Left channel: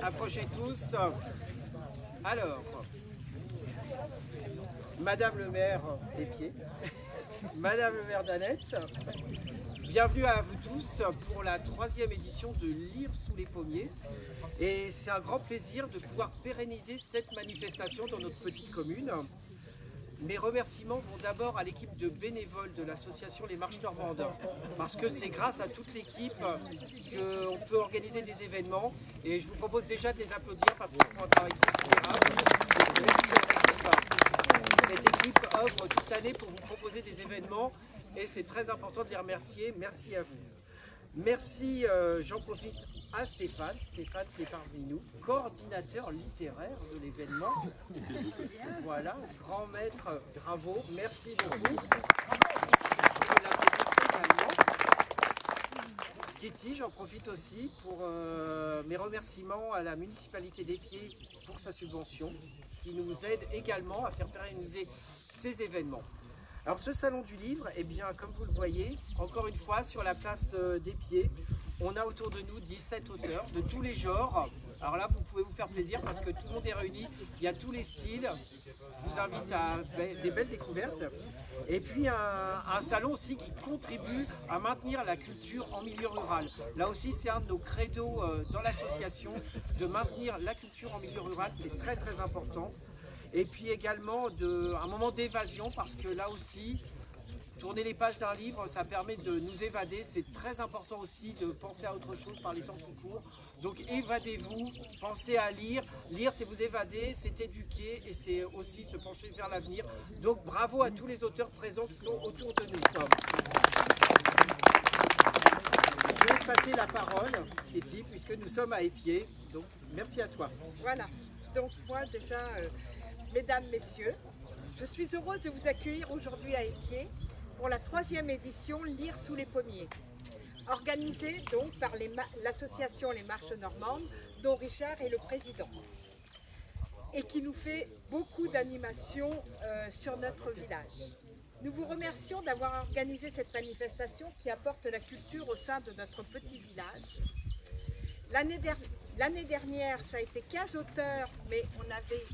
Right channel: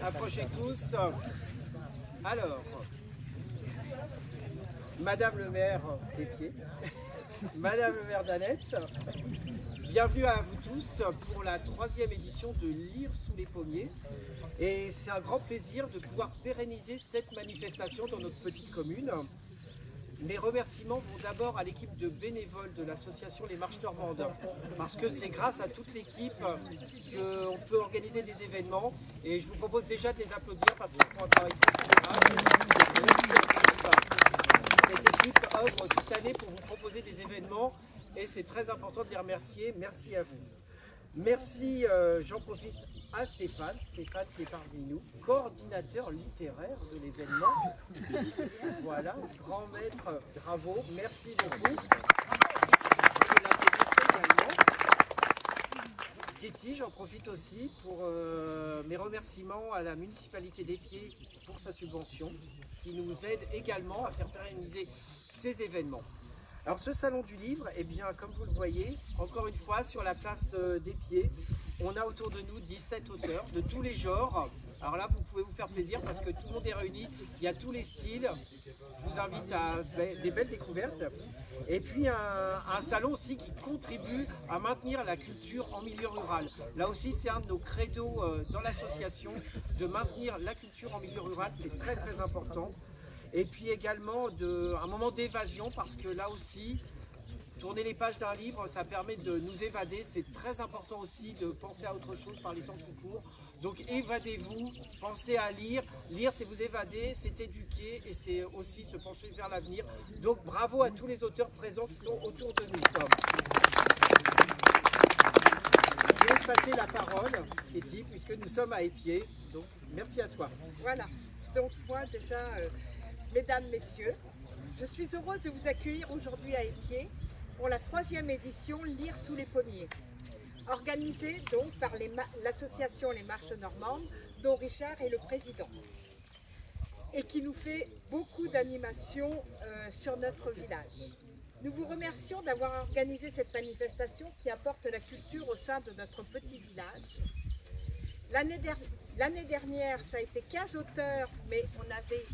approchez tous. Alors, Madame le maire des Pieds, Madame le maire d'Annette, bienvenue à vous tous pour la 3e édition de Lire sous les pommiers. Et c'est un grand plaisir de pouvoir pérenniser cette manifestation dans notre petite commune. Mes remerciements vont d'abord à l'équipe de bénévoles de l'association Les Marches Normandes, parce que c'est grâce à toute l'équipe qu'on peut organiser des événements. Et je vous propose déjà de les applaudir parce qu'ils font un travail considérable. Merci à tous. Cette équipe œuvre toute l'année pour vous proposer des événements et c'est très important de les remercier. Merci à vous. Merci, j'en profite, à Stéphane qui est parmi nous, coordinateur littéraire de l'événement. Voilà, grand maître, bravo, merci beaucoup. On peut l'applaudir également. Kitty, j'en profite aussi pour mes remerciements à la municipalité des Pieds pour sa subvention, qui nous aide également à faire pérenniser ces événements. Alors ce salon du livre, eh bien, comme vous le voyez, encore une fois sur la place des Pieds, on a autour de nous 17 auteurs de tous les genres. Alors là, vous pouvez vous faire plaisir parce que tout le monde est réuni, il y a tous les styles. Je vous invite à des belles découvertes. Et puis un salon aussi qui contribue à maintenir la culture en milieu rural. Là aussi, c'est un de nos credos dans l'association, de maintenir la culture en milieu rural, c'est très très important. Et puis également un moment d'évasion parce que là aussi, tourner les pages d'un livre, ça permet de nous évader. C'est très important aussi de penser à autre chose par les temps qui courent. Donc évadez-vous, pensez à lire. Lire, c'est vous évader, c'est éduquer et c'est aussi se pencher vers l'avenir. Donc bravo à tous les auteurs présents qui sont autour de nous. Je vais te passer la parole, Kitty, puisque nous sommes à Épied. Donc merci à toi. Voilà, donc moi déjà... Mesdames, Messieurs, je suis heureuse de vous accueillir aujourd'hui à Épied pour la 3e édition Lire sous les pommiers, organisée donc par l'association Les Marches Normandes, dont Richard est le président, et qui nous fait beaucoup d'animations sur notre village. Nous vous remercions d'avoir organisé cette manifestation qui apporte la culture au sein de notre petit village. L'année dernière, ça a été 15 auteurs, mais on avait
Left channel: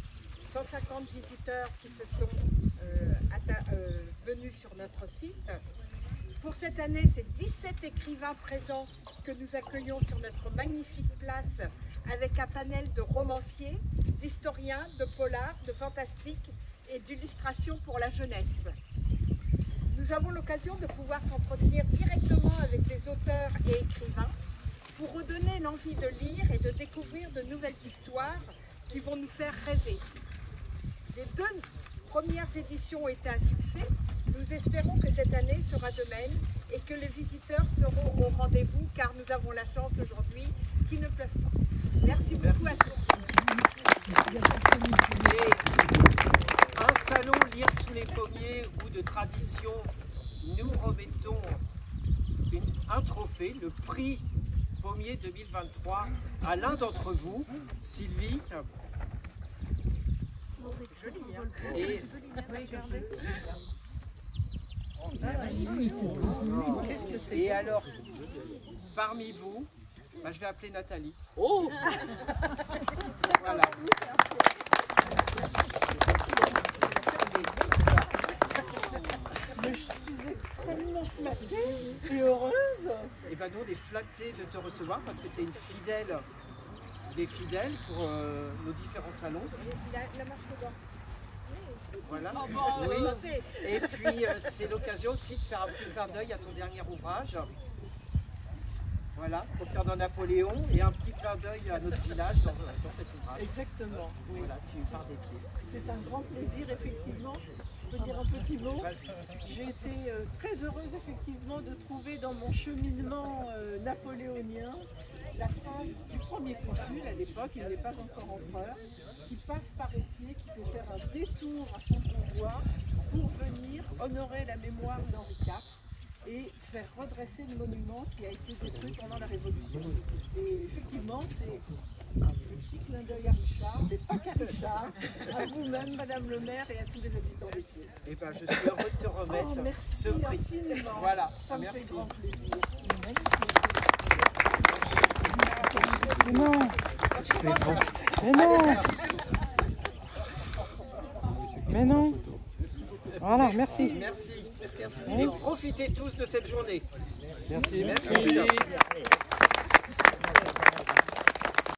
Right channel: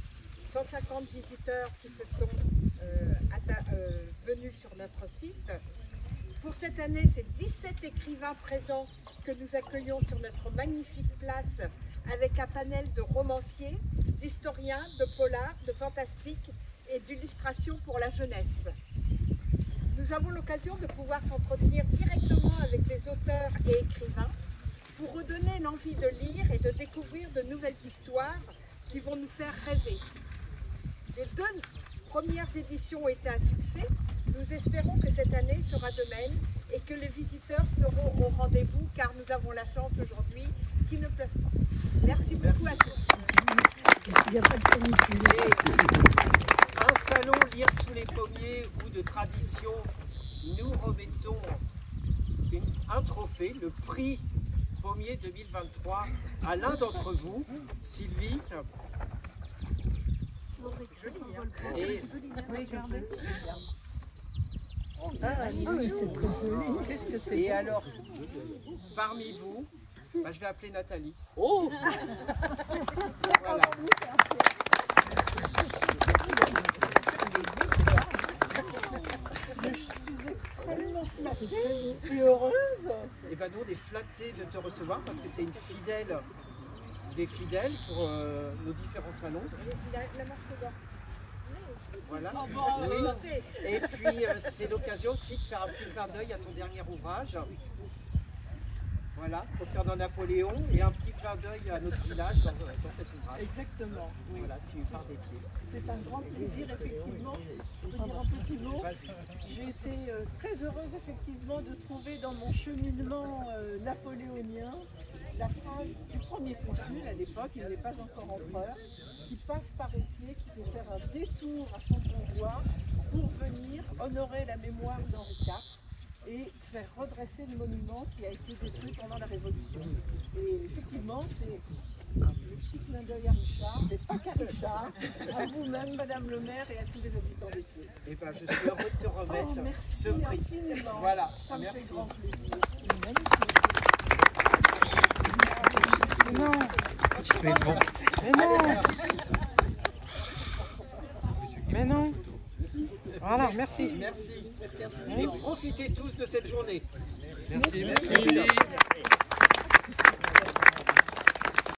150 visiteurs qui se sont venus sur notre site. Pour cette année, c'est 17 écrivains présents que nous accueillons sur notre magnifique place avec un panel de romanciers, d'historiens, de polars, de fantastiques et d'illustrations pour la jeunesse. Nous avons l'occasion de pouvoir s'entretenir directement avec les auteurs et écrivains pour redonner l'envie de lire et de découvrir de nouvelles histoires qui vont nous faire rêver. Les 2 premières éditions ont été un succès. Nous espérons que cette année sera de même et que les visiteurs seront au rendez-vous car nous avons la chance aujourd'hui qu'il ne pleuve pas. Merci beaucoup à tous. Et un salon Lire sous les pommiers ou de tradition, nous remettons un trophée, le prix Pommier 2023 à l'un d'entre vous, Sylvie. Joli, hein? Et alors, parmi vous, je vais appeler Nathalie. Oh. Voilà. Je suis extrêmement flattée et heureuse. Et bien nous, on est flattés de te recevoir parce que tu es une fidèle des fidèles pour nos différents salons. La marque d'or. Voilà. Oui. Et puis c'est l'occasion aussi de faire un petit clin d'œil à ton dernier ouvrage. Voilà, concernant Napoléon et un petit clin d'œil à notre village dans cet ouvrage. Exactement. Oui. Voilà, tu pars des Pieds. C'est un grand plaisir, effectivement. Je peux dire un petit mot. J'ai été très heureuse, effectivement, de trouver dans mon cheminement napoléonien la trace du premier consul à l'époque, il n'est pas encore empereur, qui passe par Épied, qui fait faire un détour à son convoi pour venir honorer la mémoire d'Henri IV et faire redresser le monument qui a été détruit pendant la Révolution. Et effectivement, c'est le petit clin d'œil à Richard, mais pas qu'à Richard, à vous-même, Madame le maire, et à tous les habitants des Pieds. Eh ben, je suis heureux de te remettre merci ce prix. Infiniment. Voilà, ça me merci. fait grand plaisir. Non. Mais bon. Mais non. Mais non. Voilà, merci. Merci. Merci infiniment. Et profitez tous de cette journée. Merci. Merci.